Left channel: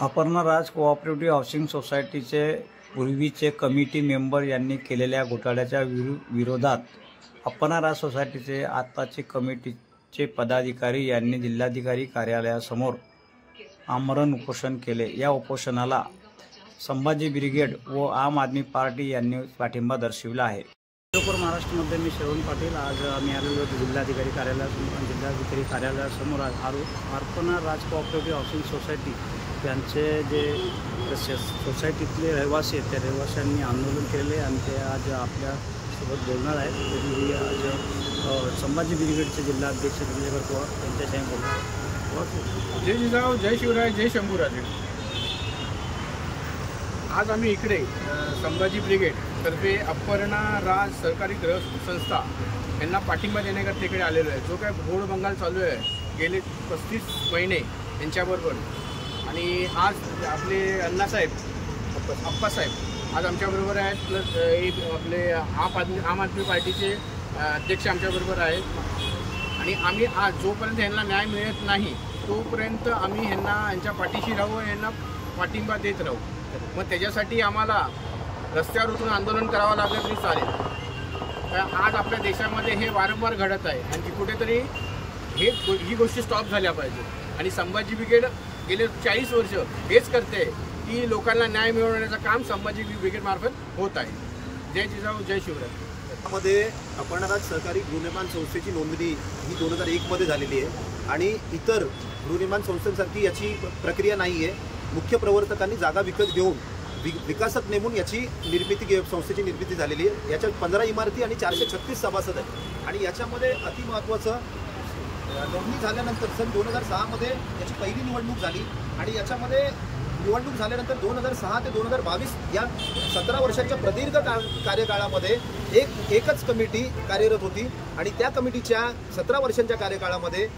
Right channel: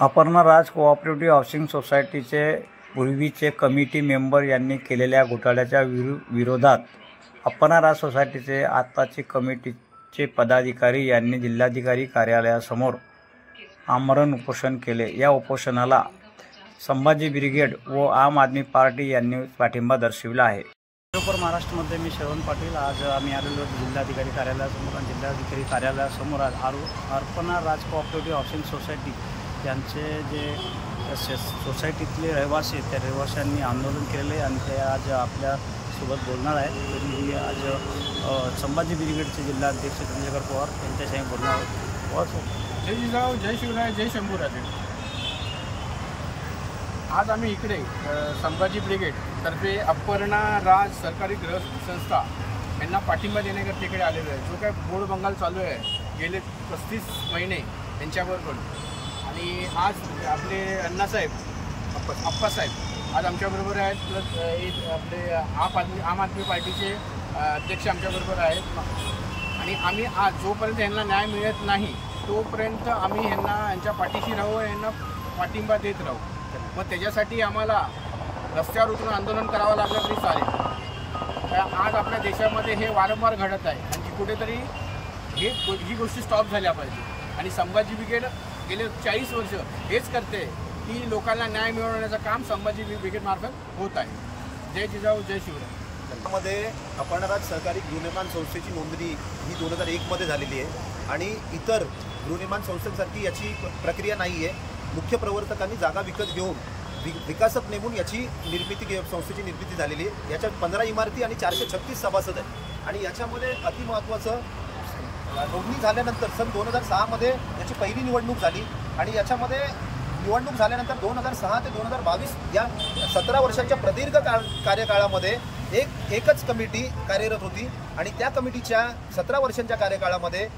अपर्णा राज cooperative housing सोसायटीचे पूर्वीचे committee member यांनी केलेल्या घोटाळ्याच्या विरोधात अपर्णा राज सोसायटीचे आताचे कमिटीचे पदाधिकारी यांनी जिल्हाधिकारी कार्यालयासमोर आमरण उपोषण केले। या उपोषणाला संभाजी ब्रिगेड व आम आदमी पार्टी यांनी पाठिंबा दर्शविला आहे। महाराष्ट्रामध्ये मी श्रवण पाटील। आज आम्ही आलेलो जिल्हाधिकारी कार्यालयासमोर आणि जिल्हाधिकारी कार्यालयासमोर अपर्णा राज कोऑपरेटिव्ह हाऊसिंग सोसायटी यांचे जे सोसायटीतले रहिवासी आहेत त्या रहिवाशांनी आंदोलन केलेले आणि ते आज आपल्यासोबत बोलणार आहेत। तरी आज संभाजी ब्रिगेडचे जिल्हाध्यक्ष चंद्रशेखर पवार यांच्याशी बोलणार आहोत। पवार जय जिजाऊ, जय शिवराय, जय शंभूराजे। आज आम्ही इकडे संभाजी ब्रिगेड तर्फे अपर्णा राज सरकारी गृह संस्था यांना पाठिंबा देण्याकरता इकडे आलेलो आहे। जो काय घोड बंगाल चालू आहे गेले 35 महिने यांच्याबरोबर, आणि आज आपले अण्णासाहेब अप्पासाहेब आज आमच्याबरोबर आहेत, प्लस आपले आम आदमी पार्टीचे अध्यक्ष आमच्याबरोबर आहेत। आणि आम्ही आज जोपर्यंत यांना न्याय मिळत नाही तोपर्यंत आम्ही यांच्या पाठीशी राहू, यांना पाठिंबा देत राहू। मग त्याच्यासाठी आम्हाला रस्त्यावर उतरून आंदोलन करावं लागलं तरी चालेल। आज आपल्या देशामध्ये हे वारंवार घडत आहे आणि कुठेतरी ही गोष्टी स्टॉप झाल्या पाहिजे। आणि संभाजी ब्रिगेड गेले 40 वर्ष हेच करते की लोकांना न्याय मिळवण्याचं काम संभाजी ब्रिगेड मार्फत होत आहे। जय जिजाऊ, जय शिवराय। मध्ये अपर्णा राज सहकारी गृहनिर्माण संस्थेची नोंदणी ही 2001 मध्ये झालेली आहे आणि इतर गृहनिर्माण संस्थांसारखी याची प्रक्रिया नाही आहे। मुख्य प्रवर्तकांनी जागा विकत घेऊन विकासक नेमून याची संस्थेची निर्मिती झालेली आहे। याच्यात 15 इमारती आणि 436 सभासद आहेत आणि याच्यामध्ये अतिमहत्त्वाचं नोंदणी झाल्यानंतर सन 2006 मध्ये याची पहिली निवडणूक झाली आणि याच्यामध्ये निवडणूक झाल्यानंतर 2006 ते 2022 या 17 वर्षांच्या प्रदीर्घ कार्यकाळामध्ये एकच कमिटी कार्यरत होती आणि त्या कमिटीच्या 17 वर्षांच्या कार्यकाळामध्ये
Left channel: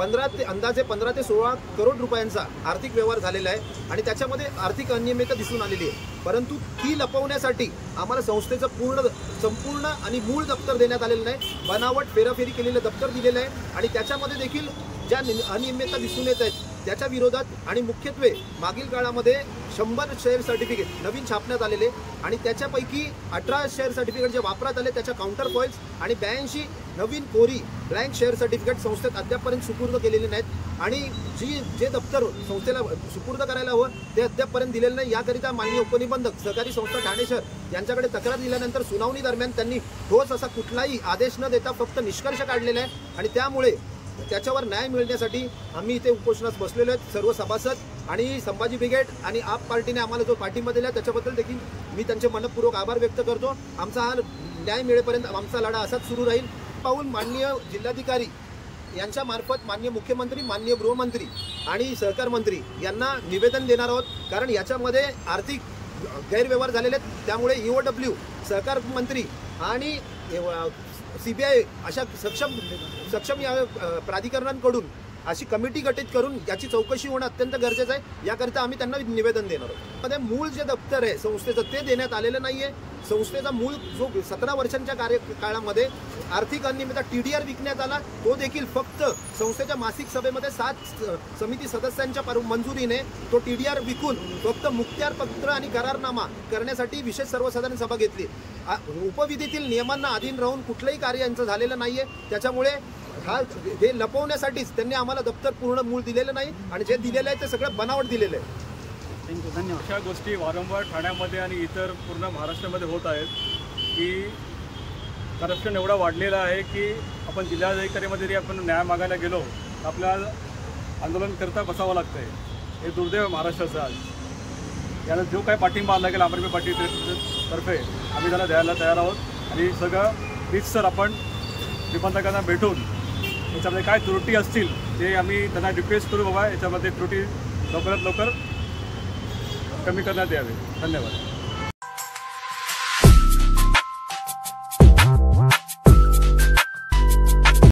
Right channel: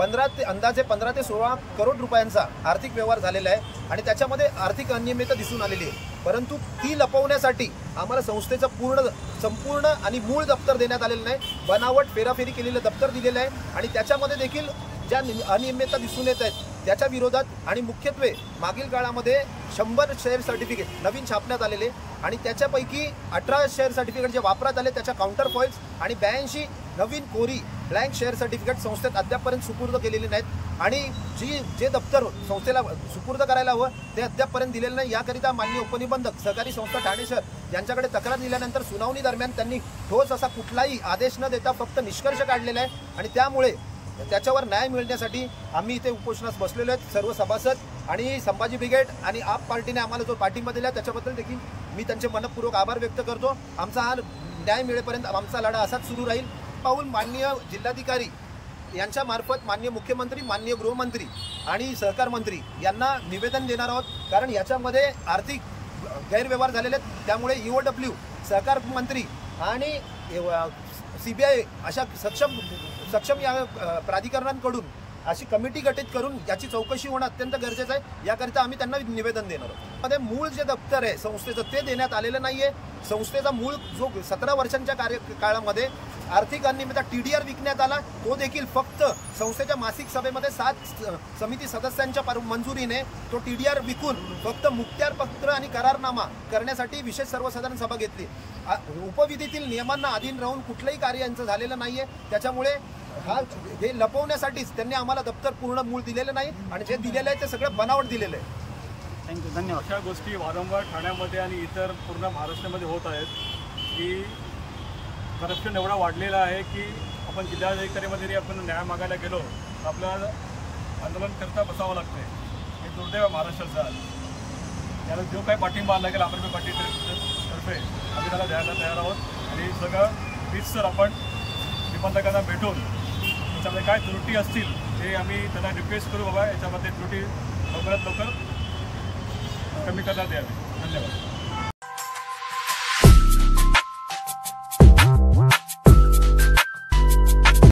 अंदाजे 15 ते 16 करोड रुपयांचा आर्थिक व्यवहार झालेला आहे आणि त्याच्यामध्ये आर्थिक अनियमितता दिसून आलेली आहे। परंतु ती लपवण्यासाठी आम्हाला संस्थेचं संपूर्ण आणि मूळ दप्तर देण्यात आलेलं नाही, बनावट फेराफेरी केलेलं दप्तर दिलेलं आहे आणि त्याच्यामध्ये देखील ज्या अनियमितता दिसून येत आहेत त्याच्या विरोधात आणि मुख्यत्वे मागील काळामध्ये 100 शेअर सर्टिफिकेट नवीन छापण्यात आलेले आणि त्याच्यापैकी 18 शेअर सर्टिफिकेट जे वापरात आले त्याच्या काउंटर फॉइल्स आणि 82 नवीन कोरी ब्लँक शेअर सर्टिफिकेट संस्थेत अद्यापपर्यंत सुपूर्द केलेले नाहीत आणि जे दप्तर संस्थेला सुपूर्द करायला हवं ते अद्यापपर्यंत दिलेलं नाही। याकरिता माननीय उपनिबंधक सहकारी संस्था ठाणे शहर यांच्याकडे तक्रार दिल्यानंतर सुनावणी दरम्यान त्यांनी ठोस असा कुठलाही आदेश न देता फक्त निष्कर्ष काढलेला आहे आणि त्यामुळे त्याच्यावर न्याय मिळण्यासाठी आम्ही इथे उपोषणास बसलेलो आहेत सर्व सभासद आणि संभाजी ब्रिगेड आणि आप पार्टीने आम्हाला जो पाठिंबा दिला त्याच्याबद्दल देखील मी त्यांचे मनपूर्वक आभार व्यक्त करतो। आमचा हा न्याय मिळेपर्यंत आमचा लढा असाच सुरू राहील। पाऊल माननीय जिल्हाधिकारी यांच्या मार्फत माननीय मुख्यमंत्री, माननीय गृहमंत्री आणि सहकार मंत्री यांना निवेदन देणार आहोत, कारण याच्यामध्ये आर्थिक गैरव्यवहार झालेले आहेत। त्यामुळे EOW, सहकार मंत्री आणि CBI अशा सक्षम या प्राधिकरणांकडून अशी कमिटी गठीत करून याची चौकशी होणं अत्यंत गरजेचं आहे। याकरिता आम्ही त्यांना निवेदन देणार आहोत। मध्ये मूळ जे दप्तर आहे संस्थेचं ते देण्यात आलेलं नाहीये। संस्थेचा मूळ जो 17 वर्षांच्या कार्यकाळामध्ये आर्थिक अनियमितता TDR विकण्यात आला तो देखील फक्त संस्थेच्या मासिक सभेमध्ये 7 समिती सदस्यांच्या मंजुरीने तो TDR विकून फक्त मुखत्यारपत्र आणि करारनामा करण्यासाठी विशेष सर्वसाधारण सभा घेतली। उपविधीतील नियमांना अधीन राहून कुठलंही कार्य यांचं झालेलं नाहीये। त्याच्यामुळे हे लपवण्यासाठीच त्यांनी आम्हाला दप्तर पूर्ण मूळ दिलेलं नाही आणि जे दिलेलं आहे ते सगळं बनावट दिलेलं आहे। थँक्यू, धन्यवाद। अशा गोष्टी वारंवार ठाण्यामध्ये आणि इतर पूर्ण महाराष्ट्रामध्ये होत आहेत की करप्शन एवढा वाढलेला आहे की आपण जिल्हाधिकारीमध्ये जरी आपण न्याय मागायला गेलो तर आपल्याला आंदोलन करता बसावं लागतं आहे। हे दुर्दैव आहे महाराष्ट्राचं। आज याला जो काही पाठिंबा लागेल आम आदमी पार्टीतर्फे आम्ही त्याला द्यायला तयार आहोत आणि सगळं प्लीज आपण निबंधकांना भेटून याच्यामध्ये काय त्रुटी असतील ते आम्ही त्यांना रिक्वेस्ट करू, बाबा याच्यामध्ये त्रुटी लवकरात लवकर कमी करण्यात यावी। धन्यवाद।